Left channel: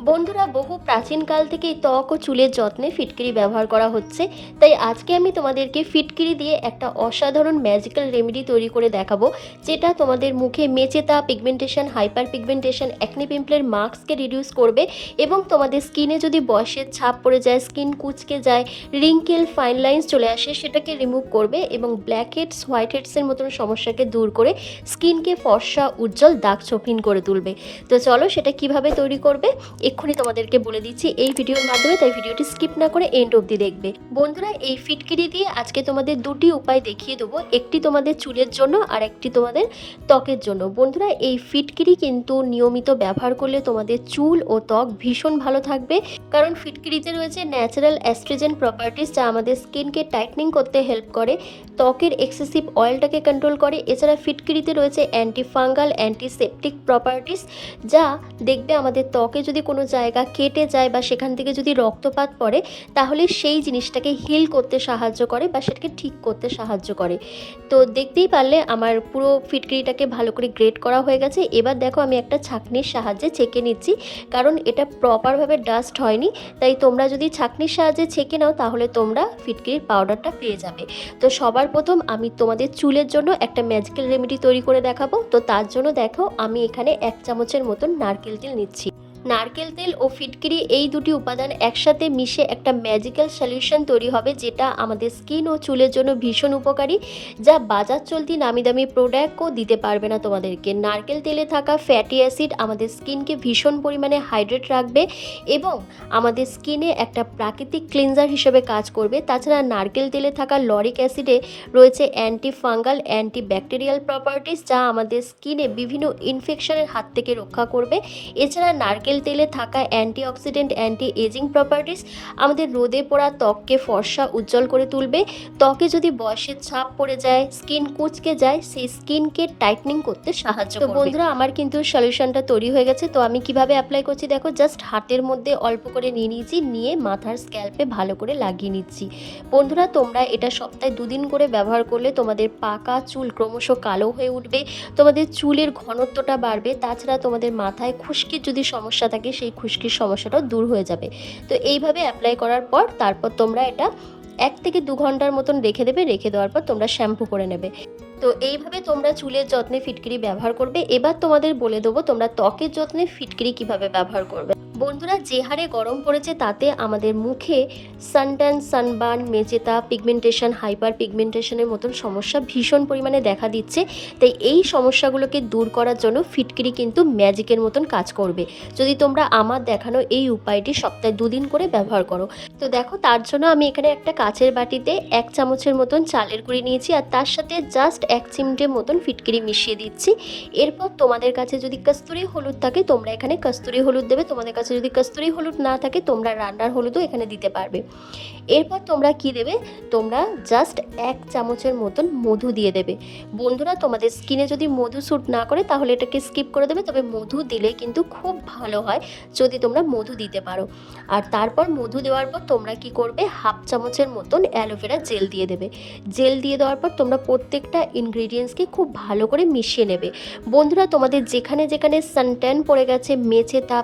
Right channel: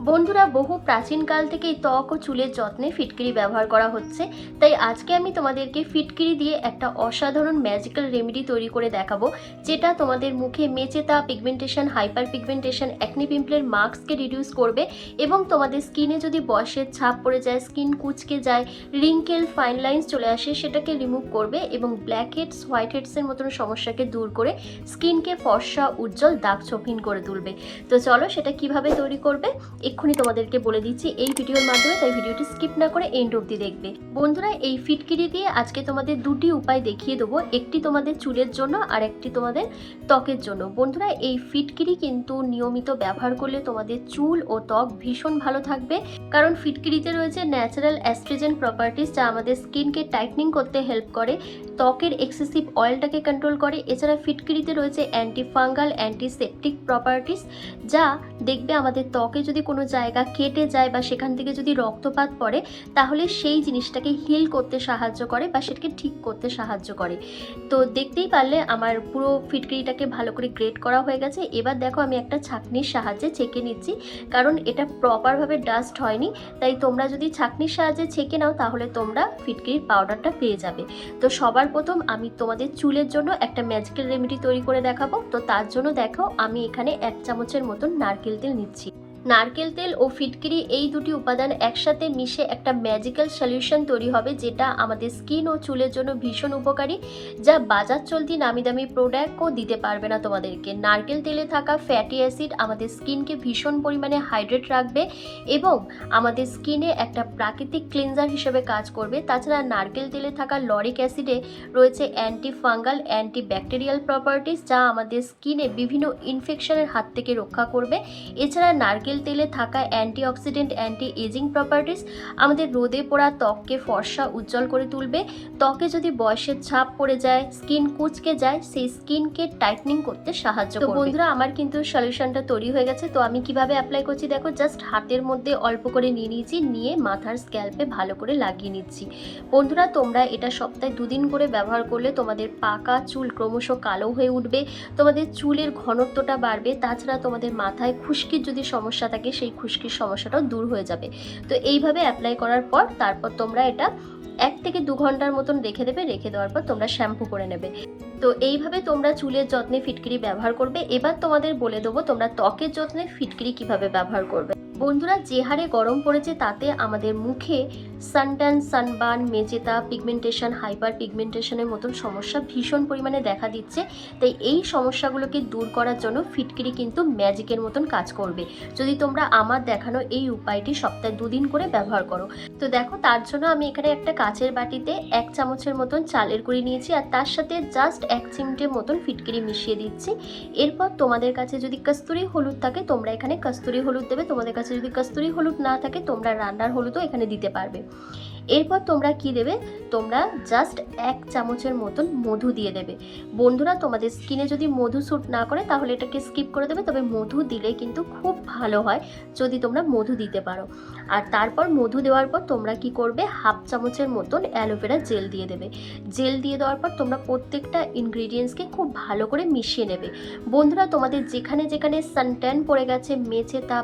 বন্ধুরা, বহু প্রাচীনকাল থেকেই ত্বক ও চুলের যত্নে ফিটকিরি ব্যবহার করা হচ্ছে। তাই আজকে আমি তোমাদেরকে ফিটকিরি দিয়ে একটা অসাধারণ ম্যাজিক্যাল রেমেডি তৈরি করে দেখাবো, যেটা তোমাদের মুখে মেচেতা পিগমেন্টেশন হাইপার পিগমেন্টেশন অ্যাকনি পিম্পলের মার্কসকে রিডিউস করবে এবং তোমাদের স্কিনে যদি বয়সের ছাপ পড়ে যায় স্কিন কুচকে যায় রিঙ্কেল ফাইন লাইন্স চলে আসে, সেটাকে রিমুভ করবে এবং ব্ল্যাক হেডস হোয়াইট হেডসের মতন সমস্যাকে দূর করে স্কিনকে ফর্সা, উজ্জ্বল দাগ চোখিন করে তুলবে। তো চলো সেটা কীভাবে তৈরি করবে? এক্ষুনি তোমাদেরকে বলে দিচ্ছি, এই ভিডিওর মাধ্যমে তাই ভিডিওটি স্কিপ না করে এন্ড অব্দি দেখবে। বন্ধুরা, এই ফিটকিরি দিয়ে আজকে তোমাদের দুটি উপায় দেখিয়ে দেবো, একটি তোমাদের চুলের জন্য আর একটি তোমাদের ত্বকের জন্য। বন্ধুরা, এই ফিটকিরি কিন্তু নিয়মিত ব্যবহার করলে তোমাদের চুল ও ত্বক ভীষণ ভালো থাকবে। কারণ ফিটকিরিতে রয়েছে ন্যাচারাল অ্যাস্ট্রোজেন প্রপার্টিস যা আমাদের স্কিনকে টাইটনিং করতে হেল্প করে, ত্বকের এক্সেসিভ অয়েলটাকে কন্ট্রোল করে। এছাড়া ফিটকিরিতে রয়েছে অ্যান্টি ফাঙ্গাল অ্যান্টিসেপটিক প্রপার্টিস যা দেখবে আমাদের ত্বকে যদি কোনো জায়গা কেটে যায় বা সেখান থেকে যদি রক্তপাত পড়ে, তাহলে সেই জিনিসটাকে হিল করতে সাহায্য করে বা সেটাকে ঠিক করতে সাহায্য করে। তো দেখতেই পারলে আমার পুরো ফিটকিরিটাকে ভালো করে গ্রেড করা হয়ে গেছে। এবার দেখো আমি একটা ছাঁকনির সাহায্যে ছেঁকে নিচ্ছি, কারণ এটা প্রপারভাবে ডাস্ট হয়নি, তাই তোমরা যদি ছাঁকনির সাহায্যে ছেঁকে নাও, তাহলে তোমরা ফিটকিরির পাউডারটা পেয়ে যাবে। তো সবার প্রথম আমি তোমাদের চুলের জন্য একটা ম্যাজিক্যাল রেমেডি তৈরি করে দেখাবো। তো তার জন্য দেখো আমি এখানে এক চামচের মতন নারকেল তেল নিচ্ছি। নারকেল তেল ও ফিটকিরি এই দুটি উপাদান একসাথে মিশে একটা ম্যাজিক্যাল সলিউশন তৈরি হবে যেটা আমাদের স্কিন ও চুলের জন্য ভীষণ উপকারী, যা বাজার চলতি নামি দামি প্রোডাক্টও দিতে পারবে না তোমাদেরকে। নারকেল তেলে থাকা ফ্যাটি অ্যাসিড আমাদের স্কিনকে ভীষণ পরিমাণে হাইড্রেট রাখবে এবং আমাদের স্কিনে একটা প্রাকৃতিক ক্লিনজার হিসেবে কাজ করবে। তাছাড়া নারকেল তেলে থাকা লরিক অ্যাসিডে রয়েছে anti fungal anti bacterial properties যা আমাদের স্কিনে বিভিন্ন ইনফেকশনের হাত থেকে রক্ষা করবে। এছাড়া নারকেল তেলে থাকা অ্যান্টিঅক্সিডেন্ট অ্যান্টি এজিং প্রপার্টিস আমাদের রোদে পোড়া ত্বককে ফর্সা উজ্জ্বল করে তুলবে। ত্বকে যদি বয়সের ছাপ পড়ে যায় স্কিন কুচকে যায় সেই স্কিনকে টাইটনিং করতে সাহায্য করবে। বন্ধুরা আমার কিন্তু সলিউশনটা তৈরি হয়ে গেছে। তো আমি কীভাবে অ্যাপ্লাই করছি দেখো জাস্ট হাতের মধ্যে অল্প করে নিয়ে নিয়েছি নিয়ে মাথার স্ক্যাল্পে ভালো করে লাগিয়ে নিচ্ছি। বন্ধুরা তোমরা এটা সপ্তাহে দুদিন করে ব্যবহার করলে তোমাদের পাকা চুল ক্রমশ কালো হয়ে উঠবে তোমাদের চুলের ঘনত্বটা বাড়বে। তাছাড়া তোমাদের মাথায় খুশকির যদি সমস্যা থাকে, সেই খুশকির সমস্যাটাও দূর হয়ে যাবে। তো এইভাবে অ্যাপ্লাই করার পর তারপর তোমরা এটা এক থেকে দু ঘণ্টার মতন রেখে দেবে, রেখে দেওয়ার পর তোমরা শ্যাম্পু করে নেবে। তো এইভাবে তোমরা চুলের যত্নে ফিটকিরি ব্যবহার করবে। এবার তোমাদের বলে দেবো তোমরা ত্বকের যত্নে ফিটকিরি কীভাবে ব্যবহার করবে। বন্ধুরা, যে হারে গরম পড়েছে তাতে আমাদের মুখে সানট্যান সানবার্ন মেজেতা পিগমেন্টেশন হাইপার পিগমেন্টেশনের মতন সমস্যা ভীষণ পরিমাণে দেখা দিচ্ছে। তাই এই সমস্যাগুলোকে দূর করার জন্য ফিটকিরি কিন্তু ম্যাজিকের মতন কাজ করবে। যদি তোমরা আমার দেখানো এই উপায়টি সপ্তাহে দুদিন করে ব্যবহার করো। তো দেখো, তার জন্য আমি এখানে একটা কাচের বাটিতে এক চামচের মতন চালের গুঁড়ি নিয়েছি আর তার সাথে জাস্ট এক চিমটে মতন ফিটকিরি মিশিয়ে দিচ্ছি। এরপর তোমাদের কাছে যদি কস্তুরি হলুদ থাকে, তোমরা এখানে কস্তুরি হলুদ দেবে, তোমাদের কাছে যদি কস্তুরি হলুদ না থাকে, তোমরা রান্নার হলুদও এখানে দিতে পারবে। এরপর তোমরা কি দেবে? তোমরা জাস্ট এক চামচের মতন মধু দিয়ে দেবে। বন্ধুরা, তোমাদের স্কিনে যদি মধু স্যুট না করে, তাহলে এটাকে স্কিপ করে দেবে, তবে মধু দিলে কিন্তু খুব ভালো হয় যদি তোমরা মধু দিতে পারো। আর তারপর মধু দেওয়ার পর তোমরা কি করবে? হাফ চামচের মতন অ্যালোভেরা জেল দিয়ে দেবে। জেল দিয়ে দেওয়ার পর তোমরা প্রত্যেকটা ইনগ্রিডিয়েন্টসকে খুব ভালো করে মিশিয়ে নেবে। বন্ধুরা, তোমাদের যেখানে যেখানে সানট্যান পড়ে গেছে মেছে তা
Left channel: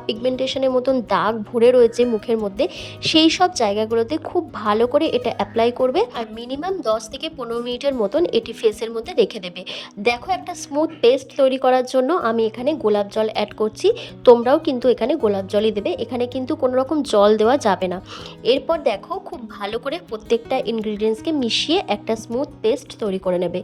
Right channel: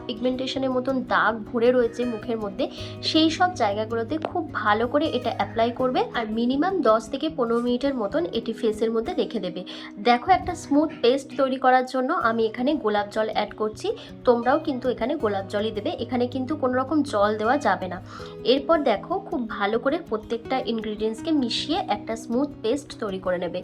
পিগমেন্টেশনের মতন দাগ ভরে রয়েছে মুখের মধ্যে, সেই সব জায়গাগুলোতে খুব ভালো করে এটা অ্যাপ্লাই করবে আর মিনিমাম দশ থেকে পনেরো মিনিটের মতন এটি ফেসের মধ্যে রেখে দেবে। দেখো একটা স্মুথ পেস্ট তৈরি করার জন্য আমি এখানে গোলাপ জল অ্যাড করছি, তোমরাও কিন্তু এখানে গোলাপ জলই দেবে, এখানে কিন্তু কোনো রকম জল দেওয়া যাবে না। এরপর দেখো খুব ভালো করে প্রত্যেকটা ইনগ্রিডিয়েন্টসকে মিশিয়ে একটা স্মুথ পেস্ট তৈরি করে নেবে।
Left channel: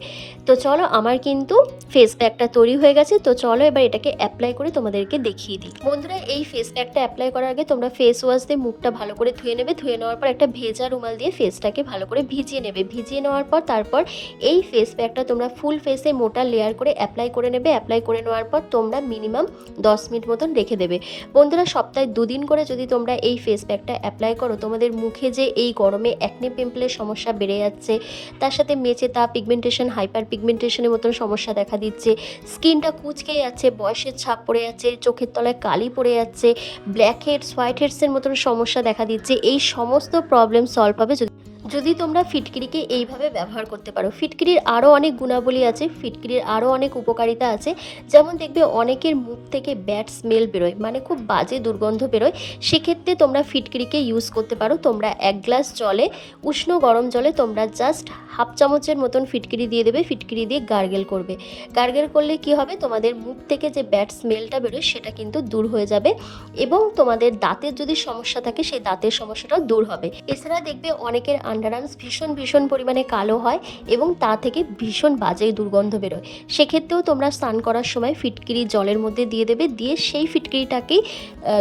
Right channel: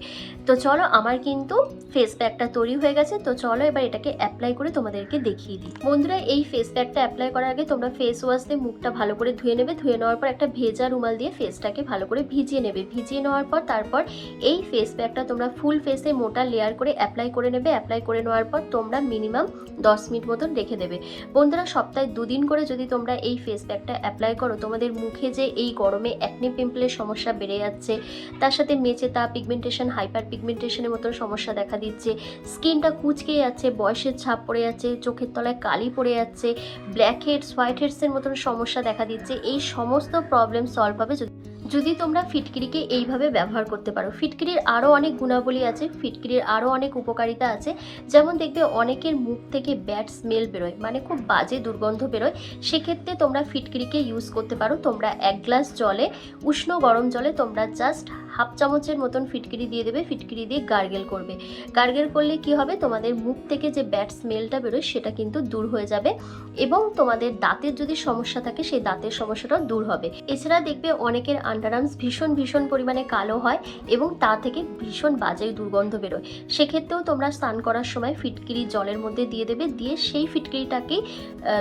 তো চলো আমার কিন্তু ফেস প্যাকটা তৈরি হয়ে গেছে, তো চলো এবার এটাকে অ্যাপ্লাই করে তোমাদেরকে দেখিয়ে দিই। বন্ধুরা, এই ফেস প্যাকটা অ্যাপ্লাই করার আগে তোমরা ফেস ওয়াশ দিয়ে মুখটা ভালো করে ধুয়ে নেবে। ধুয়ে নেওয়ার পর একটা ভেজা রুমাল দিয়ে ফেসটাকে ভালো করে ভিজিয়ে নেবে। ভিজিয়ে নেওয়ার পর তারপর এই ফেস প্যাকটা তোমরা ফুল ফেসে মোটা লেয়ার করে অ্যাপ্লাই করে নেবে। অ্যাপ্লাই করে নেওয়ার পর তোমরা মিনিমাম দশ মিনিট মতন রেখে দেবে। বন্ধুরা, সপ্তাহে দুদিন করে যদি তোমরা এই ফেস প্যাকটা অ্যাপ্লাই করো, তোমাদের মুখে যে এই গরমে অ্যাকনে পিম্পলের সমস্যা বেড়ে যাচ্ছে, তার সাথে মেচে তা পিগমেন্টেশন হাইপার পিগমেন্টেশনের মতন সমস্যা দেখা দিচ্ছে স্কিনটা কুচকে যাচ্ছে, বয়সের ছাপ পড়ে যাচ্ছে, চোখের তলায় কালি পড়ে যাচ্ছে ব্ল্যাক হেডস হোয়াইট হেডসের মতন সমস্যা দেখা দিচ্ছে। এই সমস্ত প্রবলেম সলভ হবে যদি যদি তোমরা ফিটকিরিকে এইভাবে ব্যবহার করতে পারো, ফিটকিরির আরও অনেক গুণাবলী আছে, ফিটকিরির আরও অনেক উপকারিতা আছে। যেমন দেখবে অনেকের মুখ থেকে ব্যাড স্মেল বেরোয় মানে খুব বাজে দুর্গন্ধ বেরোয়। সেক্ষেত্রে তোমরা ফিটকিরিকে ইউজ করতে পারো। তোমরা এক গ্লাস জলে, উষ্ণ গরম জলে তোমরা জাস্ট হাফ চামচের মতন ফিটকিরি দিয়ে দেবে, ফিটকিরি দিয়ে গার্গেল করবে। গার্গেল করলে কি হবে? তোমাদের মুখ থেকে যে ব্যাড স্মেলটা বেরোয়, সেটা কিন্তু দূর হয়ে যাবে এবং তোমাদের দাঁতের যদি সমস্যা থাকে, সেই দাঁতের সমস্যাটাও দূর হবে। এছাড়া দেখবে অনেকের আন্ডারআর্মস ভীষণ ভীষণ পরিমাণে কালো হয় এবং তা থেকে ভীষণ বাজে দুর্গন্ধ বেরোয়। সেক্ষেত্রেও তোমরা স্নান করার সময় ফিটকিরি জলের মধ্যে দিয়ে দেবে, দিয়ে সেই ফিটকিরিটাকেই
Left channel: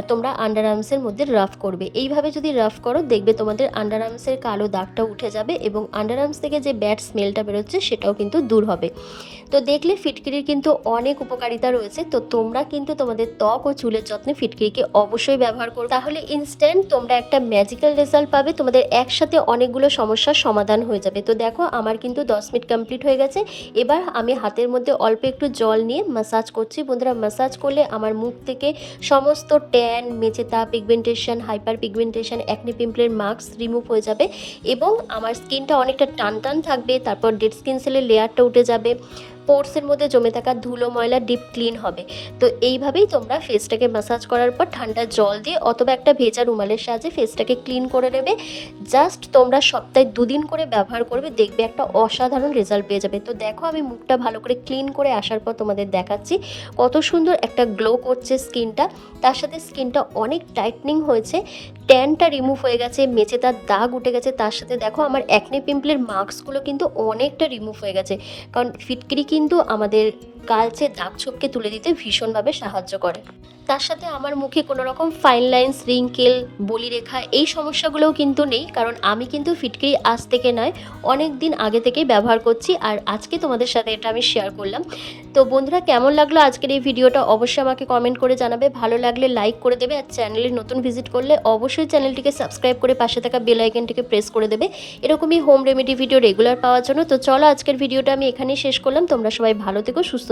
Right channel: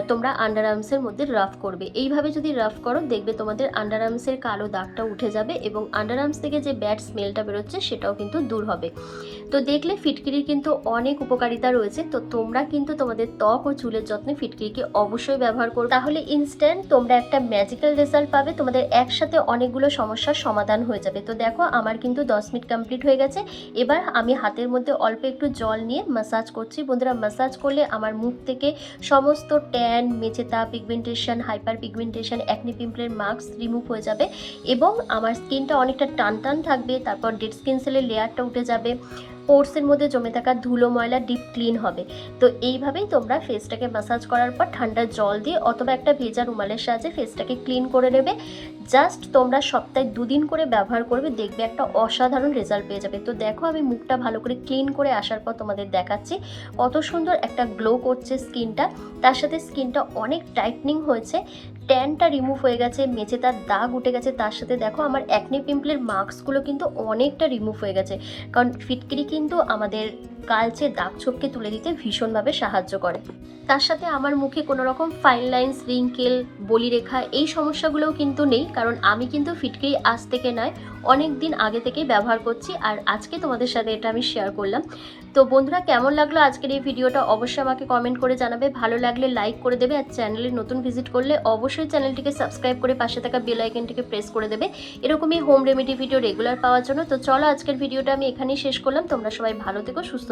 তোমরা আন্ডারআর্মসের মধ্যে রাফ করবে। এইভাবে যদি রাফ করো, দেখবে তোমাদের আন্ডারআর্মসের কালো দাগটা উঠে যাবে এবং আন্ডারআর্মস থেকে যে ব্যাড স্মেলটা বেরোচ্ছে, সেটাও কিন্তু দূর হবে। তো দেখলে ফিটকিরির কিন্তু অনেক উপকারিতা রয়েছে। তো তোমরা কিন্তু তোমাদের ত্বক ও চুলের যত্নে ফিটকিরিকে অবশ্যই ব্যবহার করো। তাহলে ইনস্ট্যান্ট তোমরা একটা ম্যাজিক্যাল রেজাল্ট পাবে। তোমাদের একসাথে অনেকগুলো সমস্যার সমাধান হয়ে যাবে। তো দেখো, আমার কিন্তু দশ মিনিট কমপ্লিট হয়ে গেছে। এবার আমি হাতের মধ্যে অল্প একটু জল নিয়ে ম্যাসাজ করছি। বন্ধুরা মাসাজ করলে আমার মুখ থেকে সমস্ত ট্যান মেচেতা পিগমেন্টেশন হাইপার পিগমেন্টেশন অ্যাকনি পিম্পলের মার্কস রিমুভ হয়ে যাবে এবং আমার স্কিনটা অনেকটা টান টান থাকবে। তারপর ডেড স্কিন সেলের লেয়ারটা উঠে যাবে। পোর্সের মধ্যে জমে থাকা ধুলো, ময়লা ডিপ ক্লিন হবে। তো এইভাবেই তোমরা ফেসটাকে ম্যাসাজ করার পর ঠান্ডা জল দিয়ে অথবা একটা ভেজা রুমালের সাহায্যে ফেসটাকে ক্লিন করে নেবে। জাস্ট তোমরা সপ্তাহে দুদিন করে ব্যবহার করবে, দেখবে একটা অসাধারণ রেজাল্ট পেয়ে যাবে। তো দেখো আমি মুখটা ভালো করে ক্লিন করে আসার পর তোমাদের দেখাচ্ছি কত সুন্দর একটা গ্লো করছে স্কিনটা তার সাথে স্কিনটা অনেক টাইটনিং হয়েছে ট্যানটা রিমুভ হয়ে গেছে মেচে তার দাগ উঠে গেছে। তার সাথে দেখো আমার অ্যাকনে পিম্পলের মার্কসগুলো কিন্তু অনেকটা রিমুভ হয়ে গেছে। কারণ ফিটকিরি কিন্তু আমাদের কালচে দাগ ছোপকে তুলে দিতে ভীষণভাবে সাহায্য করে। তার সাথে আমার মুখে কোনো রকম ফাইন লাইন্স রিঙ্কেল বলিরেখা এই সমস্যাগুলোও কিন্তু নেই, কারণ আমি কিন্তু ফিটকিরি আজ থেকে নয়, অনেক দিন আগে থেকেই ব্যবহার করছি আর আজকে তোমাদের সাথে এটা আমি শেয়ার করলাম। তো বন্ধুরা, কেমন লাগল আজকের এই ভিডিওটা? অবশ্যই আমাকে কমেন্ট করে জানাবে। ভালো লাগলে লাইক করে দেবে আর চ্যানেলে নতুন ভিজিট করলে অবশ্যই চ্যানেলটিকে সাবস্ক্রাইব করে পাশে থাকা বেল আইকনটিকে প্রেস করে দেবে। এরকমই হোম রেমেডি ভিডিও রেগুলার পাওয়ার জন্য। তো চলো আজকের ভিডিওটা আমি এখানেই শেষ করলাম। তোমরা সবাই ভালো থেকো, সুস্থ